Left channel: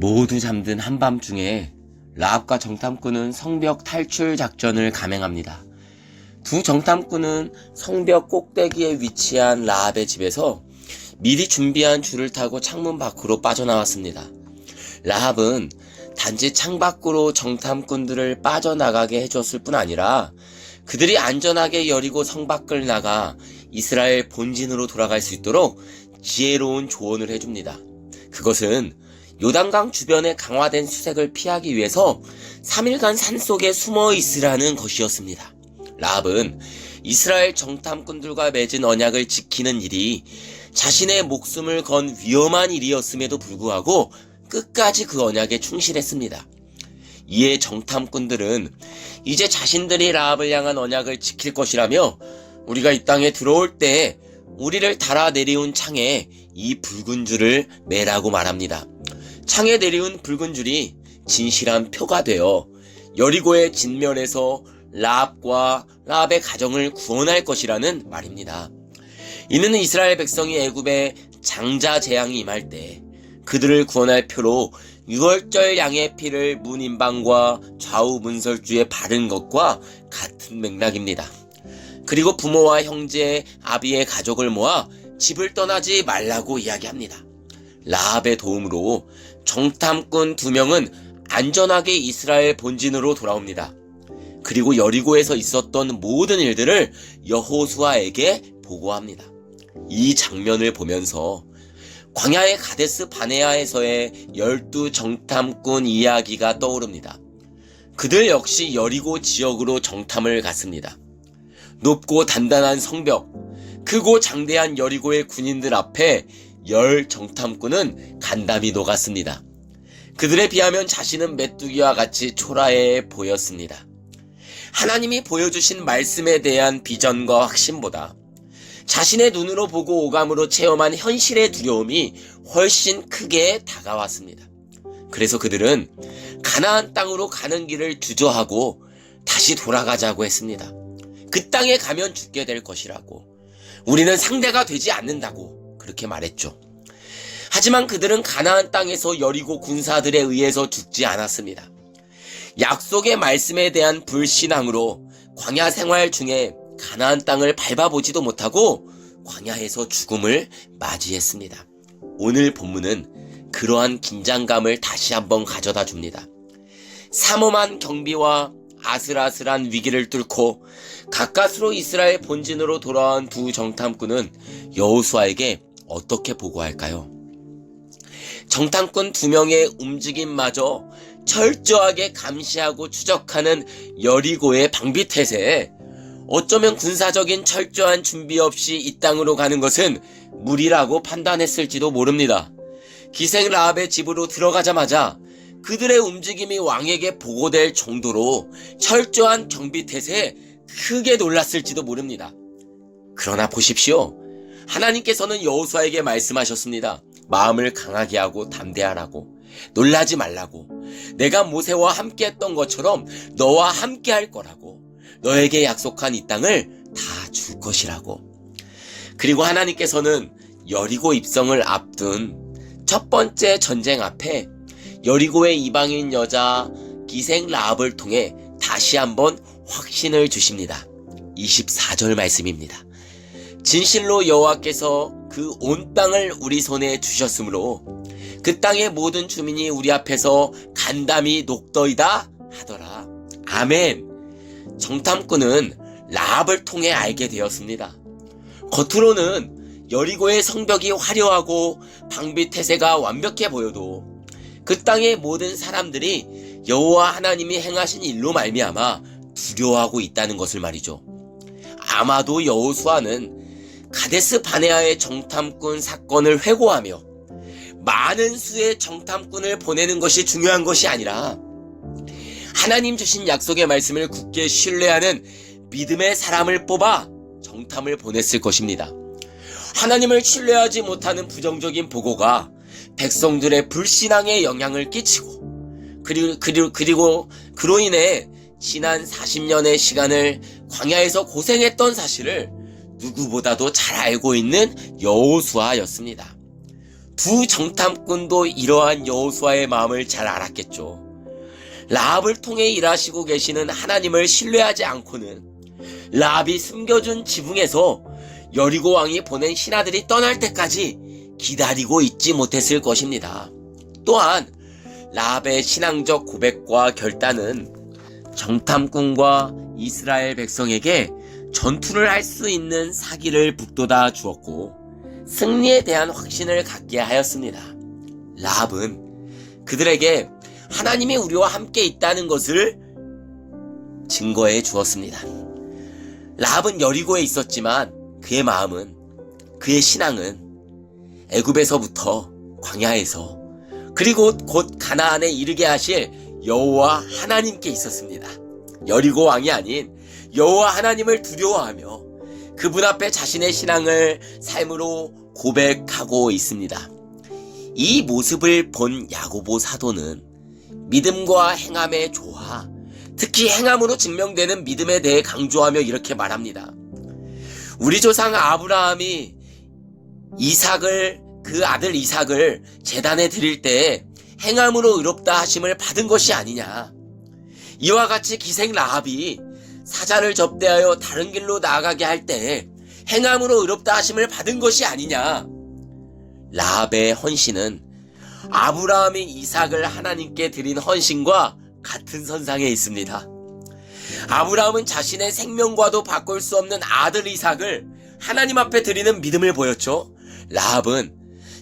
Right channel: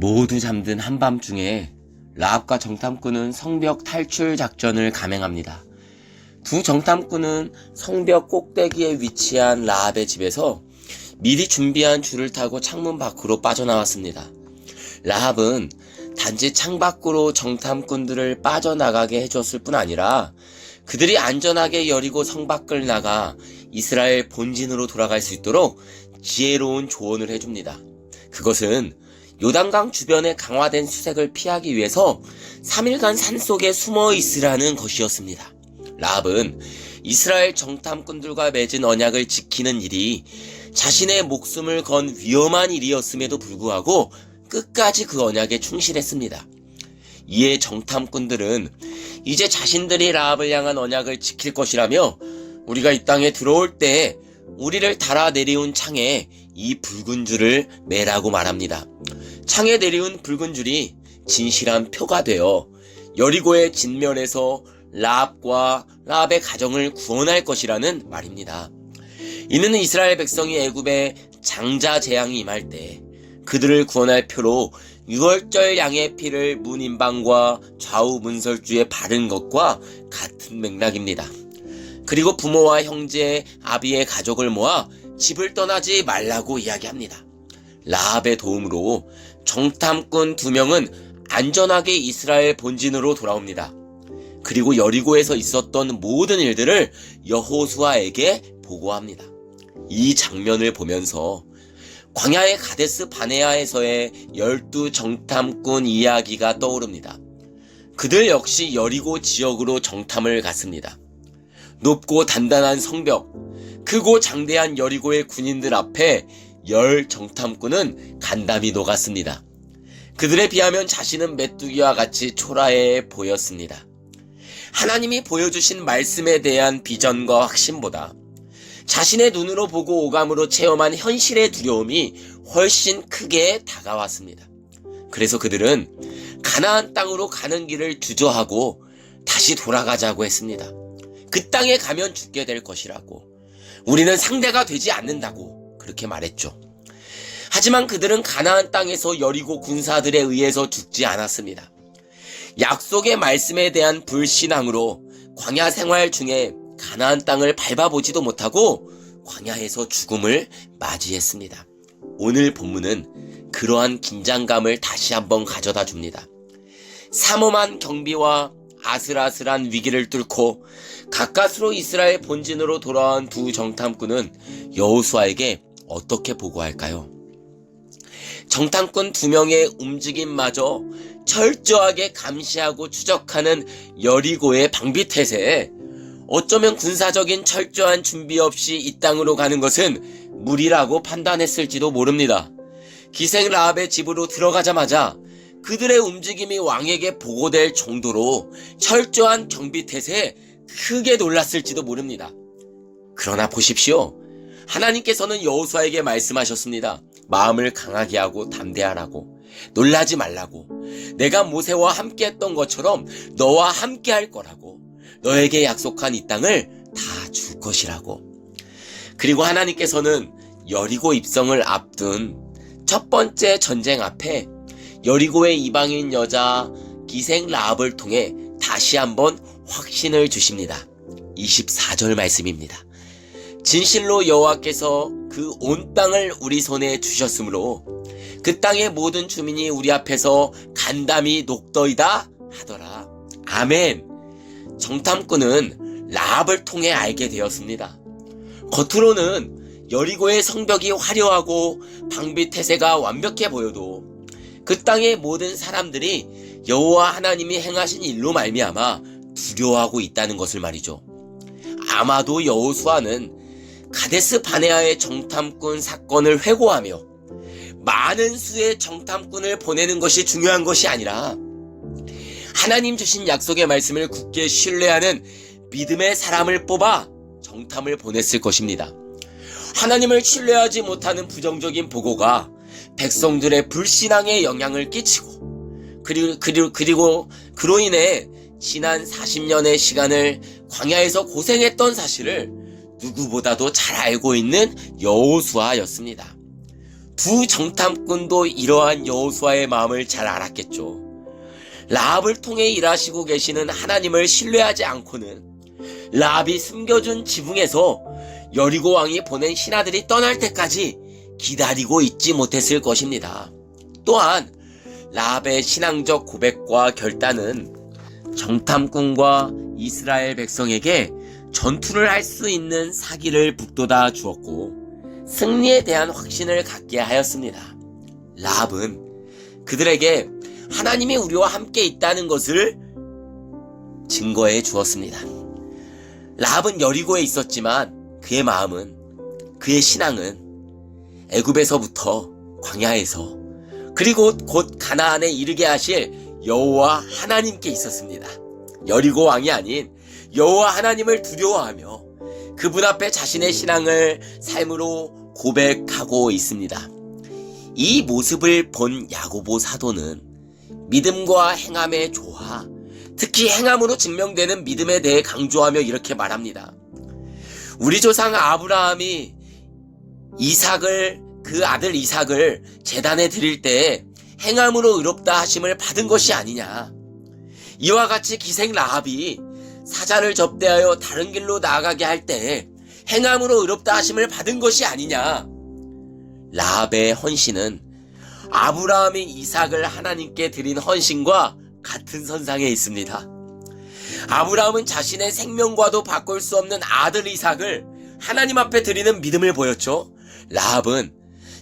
모두 잠든 한밤중에 라합과 정탐꾼은 성벽 탈출 작전을 감행합니다. 두 정탐꾼은 성벽 꼭대기에 위치한 라합의 집에서 미리 준비한 줄을 타고 창문 밖으로 빠져나왔습니다. 라합은 단지 창밖으로 정탐꾼들을 빠져나가게 해줬을 뿐 아니라 그들이 안전하게 여리고 성 밖을 나가 이스라엘 본진으로 돌아갈 수 있도록 지혜로운 조언을 해줍니다. 그것은 요단강 주변의 강화된 수색을 피하기 위해서 3일간 산속에 숨어 있으라는 것이었습니다. 라합은 이스라엘 정탐꾼들과 맺은 언약을 지키는 일이 자신의 목숨을 건 위험한 일이었음에도 불구하고 끝까지 그 언약에 충실했습니다. 이에 정탐꾼들은 이제 자신들이 라합을 향한 언약을 지킬 것이라며 우리가 이 땅에 들어올 때 우리를 달아 내리운 창에 이 붉은 줄을 매라고 말합니다. 창에 내리운 붉은 줄이 진실한 표가 되어 여리고의 진면에서 라합과 라합의 가정을 구원할 것이라는 말입니다. 이는 이스라엘 백성이 애굽의 장자 재앙이 임할 때 그들을 구원할 표로 유월절 양의 피를 문인방과 좌우 문설주에 바른 것과 같은 맥락입니다. 그리고 부모와 형제, 아비의 가족을 모아 집을 떠나지 말라고 이야기합니다. 라합의 도움으로 정탐꾼 2명은 안전하게 이스라엘 본진으로 돌아옵니다. 그리고 여리고에서 있었던 모든 일들을 여호수아에게 보고합니다. 이 장면을 보면서 광야의 가데스 바네아에서의 12 정탐꾼 이야기가 떠오릅니다. 그들 역시 여리고 지역으로 정탐을 갔습니다. 높고 단단한 성벽, 크고 장대한 여리고의 군인들 앞에 10 정탐꾼은 간담이 녹았습니다. 그들에 비하면 자신은 메뚜기와 같이 초라해 보였습니다. 하나님이 보여주신 말씀에 대한 비전과 확신보다 자신의 눈으로 보고 오감으로 체험한 현실의 두려움이 훨씬 크게 다가왔습니다. 그래서 그들은 가나안 땅으로 가는 길을 주저하고 다시 돌아가자고 했습니다. 그 땅에 가면 죽게 될 것이라고, 우리는 상대가 되지 않는다고 그렇게 말했죠. 하지만 그들은 가나안 땅에서 여리고 군사들에 의해서 죽지 않았습니다. 약속의 말씀에 대한 불신앙으로 광야 생활 중에 가나안 땅을 밟아보지도 못하고 광야에서 죽음을 맞이했습니다. 오늘 본문은 그러한 긴장감을 다시 한번 가져다 줍니다. 삼엄한 경비와 아슬아슬한 위기를 뚫고 가까스로 이스라엘 본진으로 돌아온 2 정탐꾼은 여호수아에게 어떻게 보고할까요? 정탐꾼 2명의 움직임마저 철저하게 감시하고 추적하는 여리고의 방비태세에 어쩌면 군사적인 철저한 준비 없이 이 땅으로 가는 것은 무리라고 판단했을지도 모릅니다. 기생 라합의 집으로 들어가자마자 그들의 움직임이 왕에게 보고될 정도로 철저한 경비태세에 크게 놀랐을지도 모릅니다. 그러나 보십시오. 하나님께서는 여호수아에게 말씀하셨습니다. 마음을 강하게 하고 담대하라고, 놀라지 말라고, 내가 모세와 함께 했던 것처럼 너와 함께 할 거라고, 너에게 약속한 이 땅을 다 줄 것이라고. 그리고 하나님께서는 여리고 입성을 앞둔 첫 번째 전쟁 앞에 여리고의 이방인 여자 기생 라합을 통해 다시 한번 확신을 주십니다. 24절 말씀입니다. 진실로 여호와께서 그 온 땅을 우리 손에 주셨으므로 그 땅의 모든 주민이 우리 앞에서 간담이 녹더이다 하더라. 아멘. 정탐꾼은 라합을 통해 알게 되었습니다. 겉으로는 여리고의 성벽이 화려하고 방비 태세가 완벽해 보여도 그 땅의 모든 사람들이 여호와 하나님이 행하신 일로 말미암아 두려워하고 있다는 것을 말이죠. 아마도 여호수아는 가데스 바네아의 정탐꾼 사건을 회고하며 많은 수의 정탐꾼을 보내는 것이 중요한 것이 아니라 하나님 주신 약속의 말씀을 굳게 신뢰하는 믿음의 사람을 뽑아 정탐을 보냈을 것입니다. 하나님을 신뢰하지 못하는 부정적인 보고가 백성들의 불신앙에 영향을 끼치고 그리고 그로 인해 지난 40년의 시간을 광야에서 고생했던 사실을 누구보다도 잘 알고 있는 여호수아였습니다. 두 정탐꾼도 이러한 여호수아의 마음을 잘 알았겠죠. 라합을 통해 일하시고 계시는 하나님을 신뢰하지 않고는 라합이 숨겨준 지붕에서 여리고 왕이 보낸 신하들이 떠날 때까지 기다리고 있지 못했을 것입니다. 또한 라합의 신앙적 고백과 결단은 정탐꾼과 이스라엘 백성에게 전투를 할 수 있는 사기를 북돋아 주었고 승리에 대한 확신을 갖게 하였습니다. 라합은 그들에게 하나님이 우리와 함께 있다는 것을 증거해 주었습니다. 라합은 여리고에 있었지만 그의 마음은, 그의 신앙은 애굽에서부터 광야에서 그리고 곧 가나안에 이르게 하실 여호와 하나님께 있었습니다. 여리고 왕이 아닌 여호와 하나님을 두려워하며 그분 앞에 자신의 신앙을 삶으로 고백하고 있습니다. 이 모습을 본 야고보 사도는 믿음과 행함의 조화, 특히 행함으로 증명되는 믿음에 대해 강조하며 이렇게 말합니다. 우리 조상 아브라함이 그 아들 이삭을 제단에 드릴 때 행함으로 의롭다 하심을 받은 것이 아니냐. 이와 같이 기생 라합이 사자를 접대하여 다른 길로 나아가게 할 때 행함으로 의롭다 하심을 받은 것이 아니냐. 라합의 헌신은 아브라함이 이삭을 하나님께 드린 헌신과 같은 선상에 있습니다. 아브라함은 자신의 생명과도 바꿀 수 없는 아들 이삭을 하나님 앞에 드리는 믿음을 보였죠. 라합은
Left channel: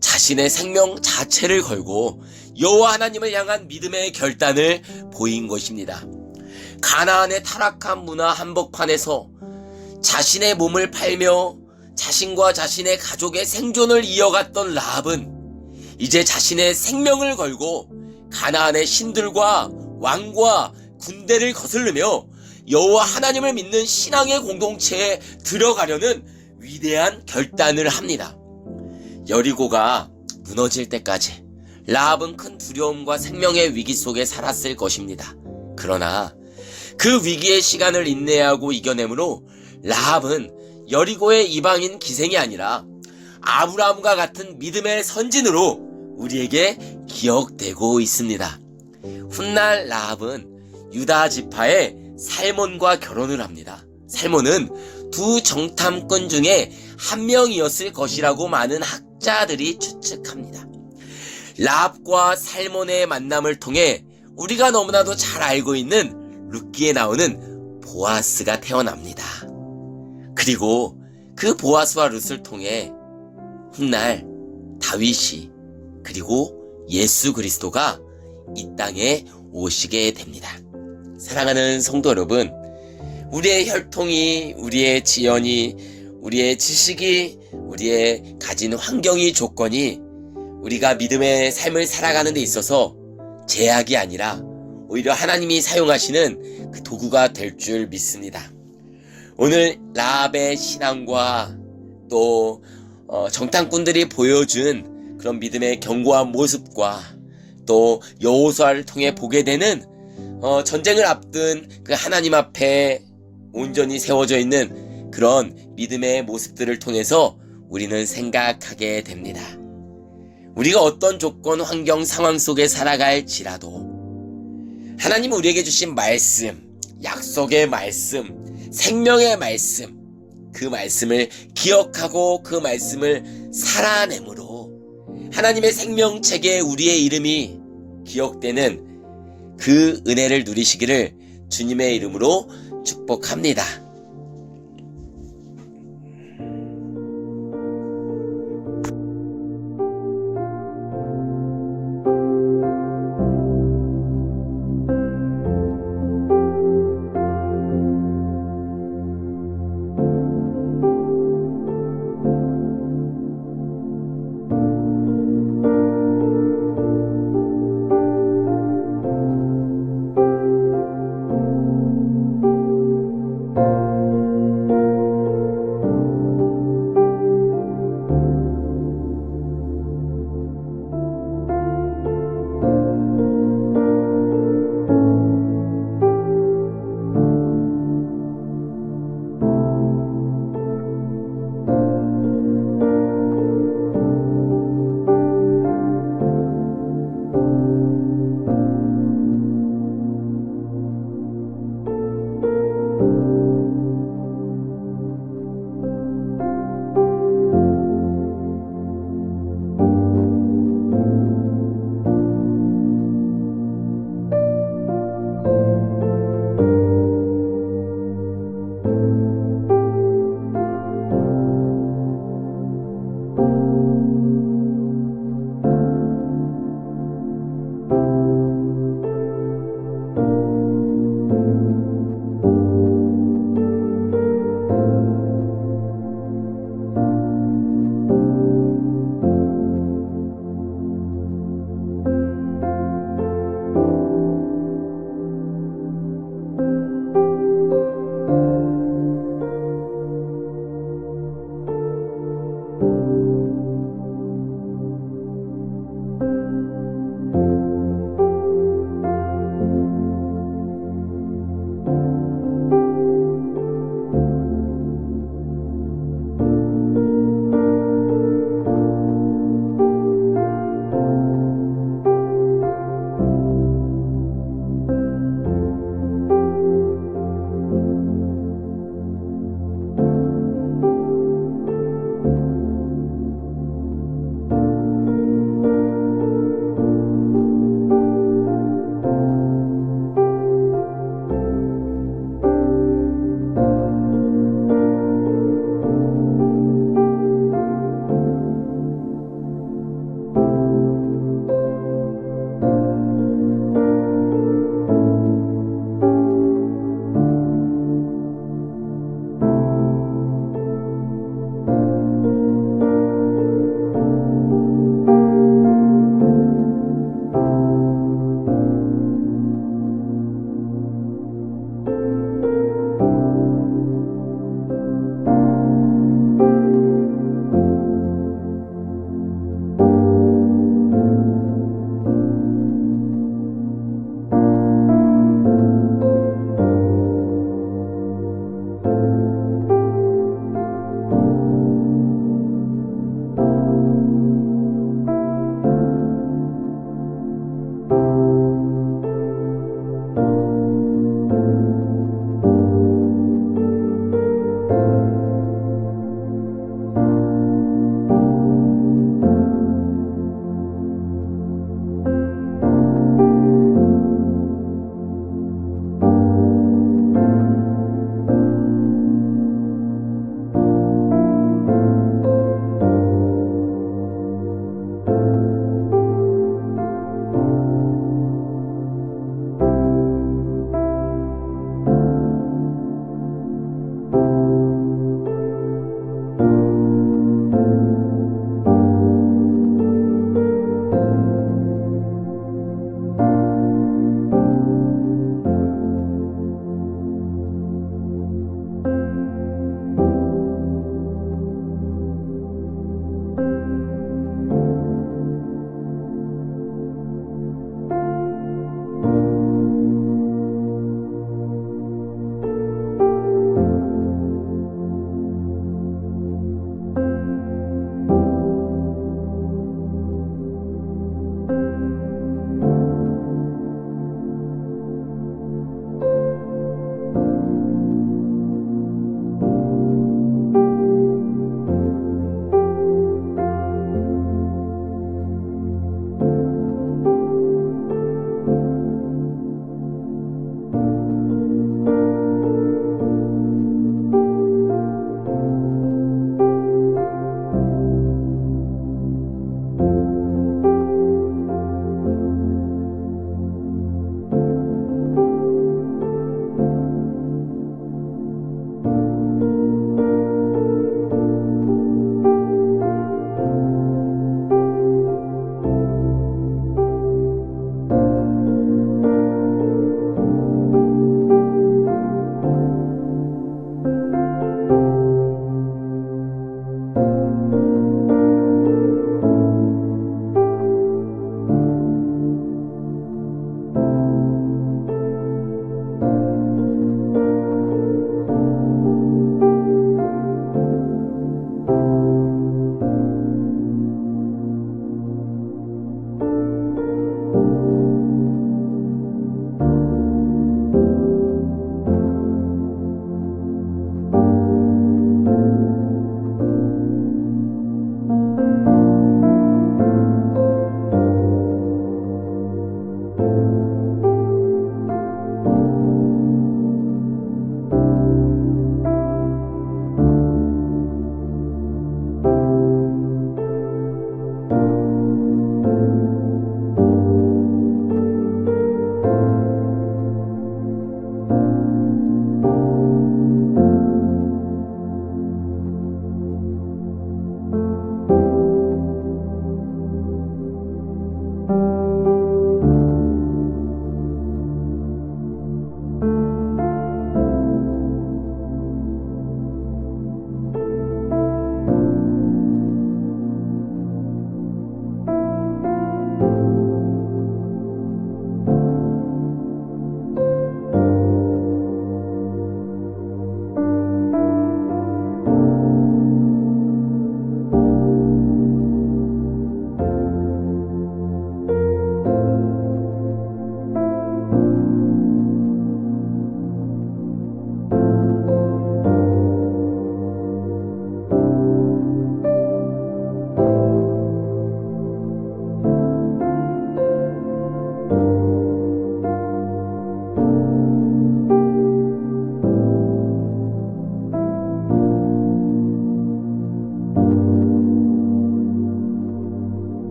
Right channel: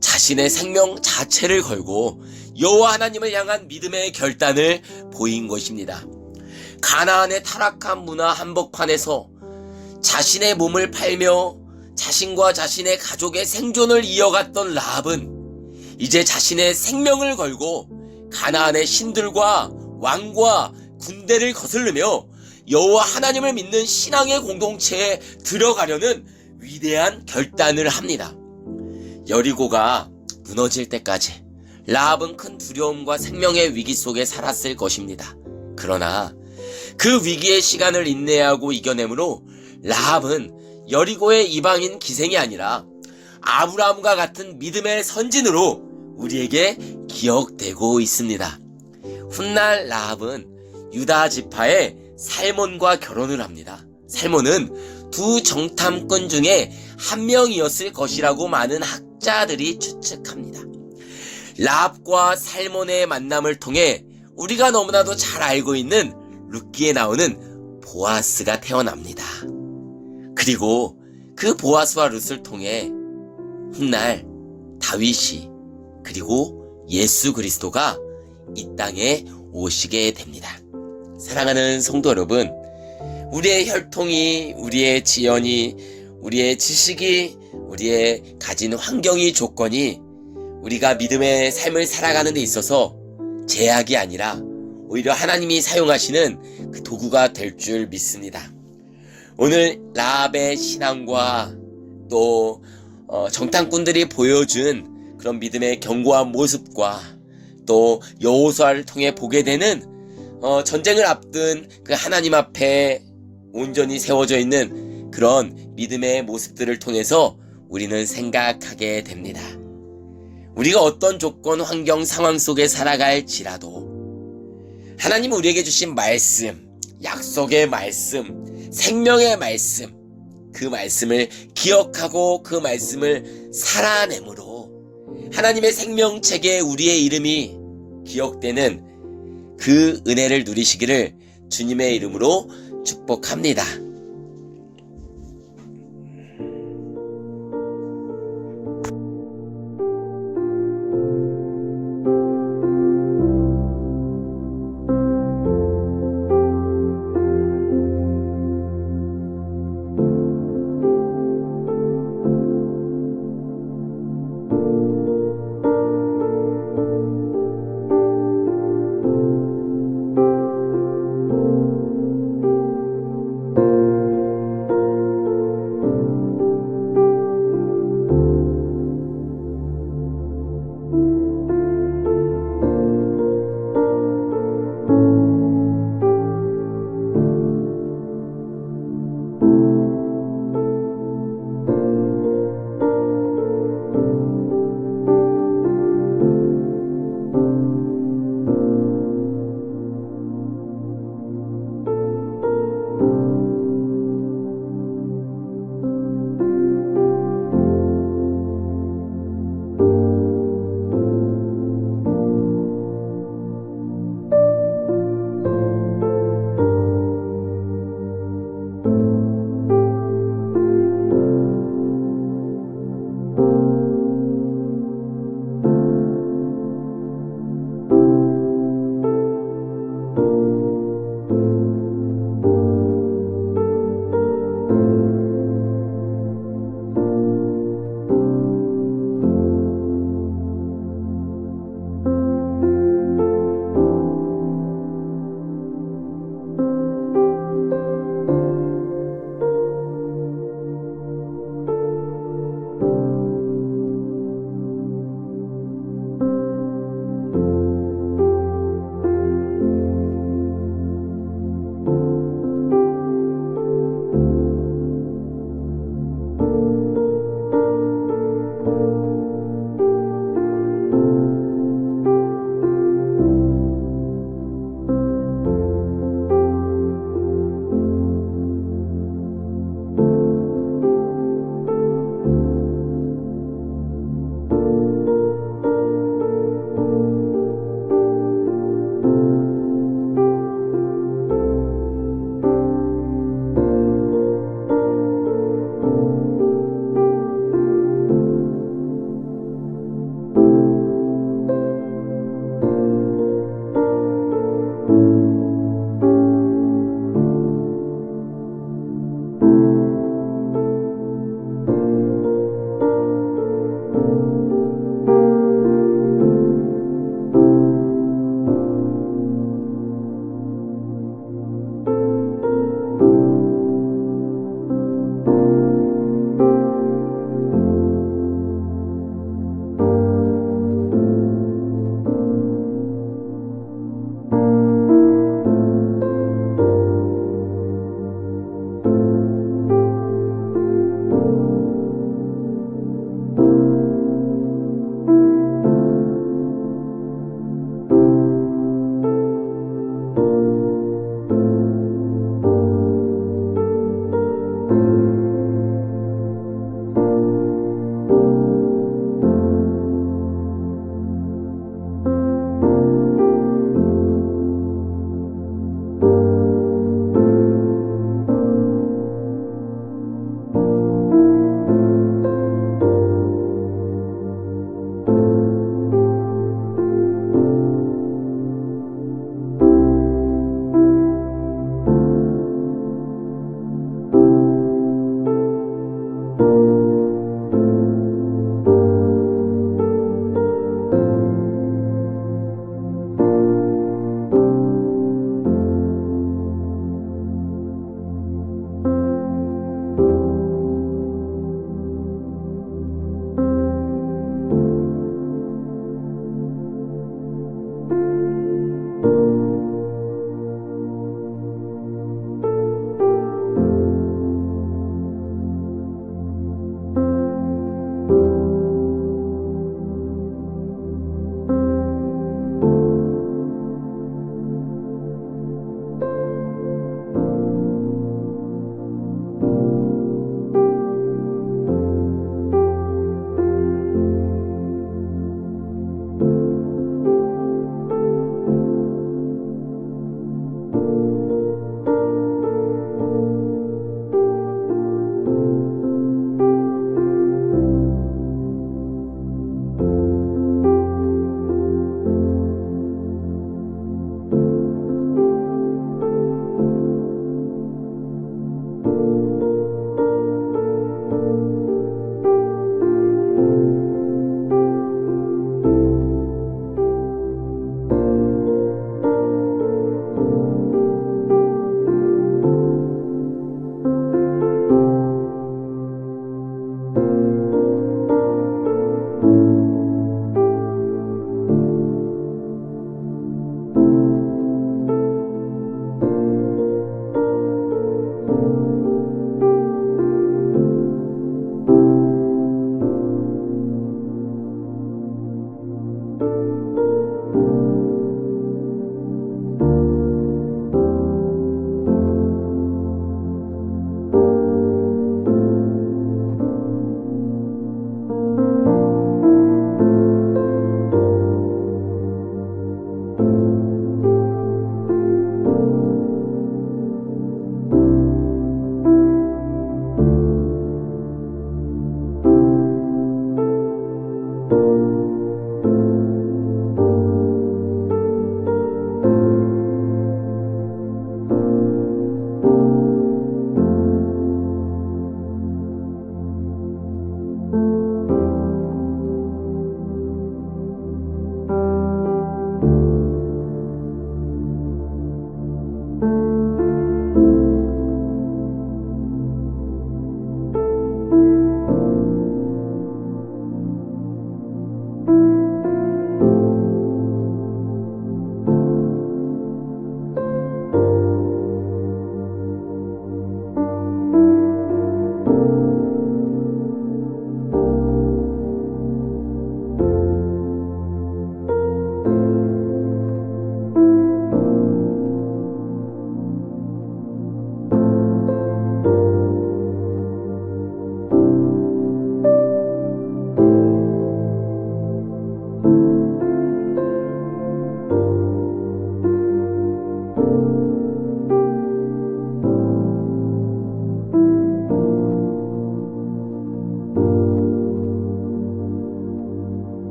자신의 생명 자체를 걸고 여호와 하나님을 향한 믿음의 결단을 보인 것입니다. 가나안의 타락한 문화 한복판에서 자신의 몸을 팔며 자신과 자신의 가족의 생존을 이어갔던 라합은 이제 자신의 생명을 걸고 가나안의 신들과 왕과 군대를 거스르며 여호와 하나님을 믿는 신앙의 공동체에 들어가려는 위대한 결단을 합니다. 여리고가 무너질 때까지 라합은 큰 두려움과 생명의 위기 속에 살았을 것입니다. 그러나 그 위기의 시간을 인내하고 이겨내므로 라합은 여리고의 이방인 기생이 아니라 아브라함과 같은 믿음의 선진으로 우리에게 기억되고 있습니다. 훗날 라합은 유다 지파의 살몬과 결혼을 합니다. 살몬은 두 정탐꾼 중에 한 명이었을 것이라고 많은 학자들이 추측합니다. 라합과 살몬의 만남을 통해 우리가 너무나도 잘 알고 있는 룻기에 나오는 보아스가 태어납니다. 그리고 그 보아스와 룻을 통해 훗날 다윗이 그리고 예수 그리스도가 이 땅에 오시게 됩니다. 사랑하는 성도 여러분, 우리의 혈통이, 우리의 지연이, 우리의 지식이, 우리의 가진 환경이, 조건이 우리가 믿음의 삶을 살아가는 데 있어서 제약이 아니라 오히려 하나님이 사용하시는 그 도구가 될 줄 믿습니다. 오늘 라합의 신앙과 또 정탐꾼들이 보여준 그런 믿음의 견고한 모습과 또 여호수아를 통해 보게 되는 전쟁을 앞둔 그 하나님 앞에 온전히 세워져 있는 그런 믿음의 모습들을 통해서 우리는 생각하게 됩니다. 우리가 어떤 조건, 환경, 상황 속에 살아갈지라도 하나님 우리에게 주신 말씀, 약속의 말씀, 생명의 말씀, 그 말씀을 기억하고 그 말씀을 살아내므로 하나님의 생명책에 우리의 이름이 기억되는 그 은혜를 누리시기를 주님의 이름으로 축복합니다.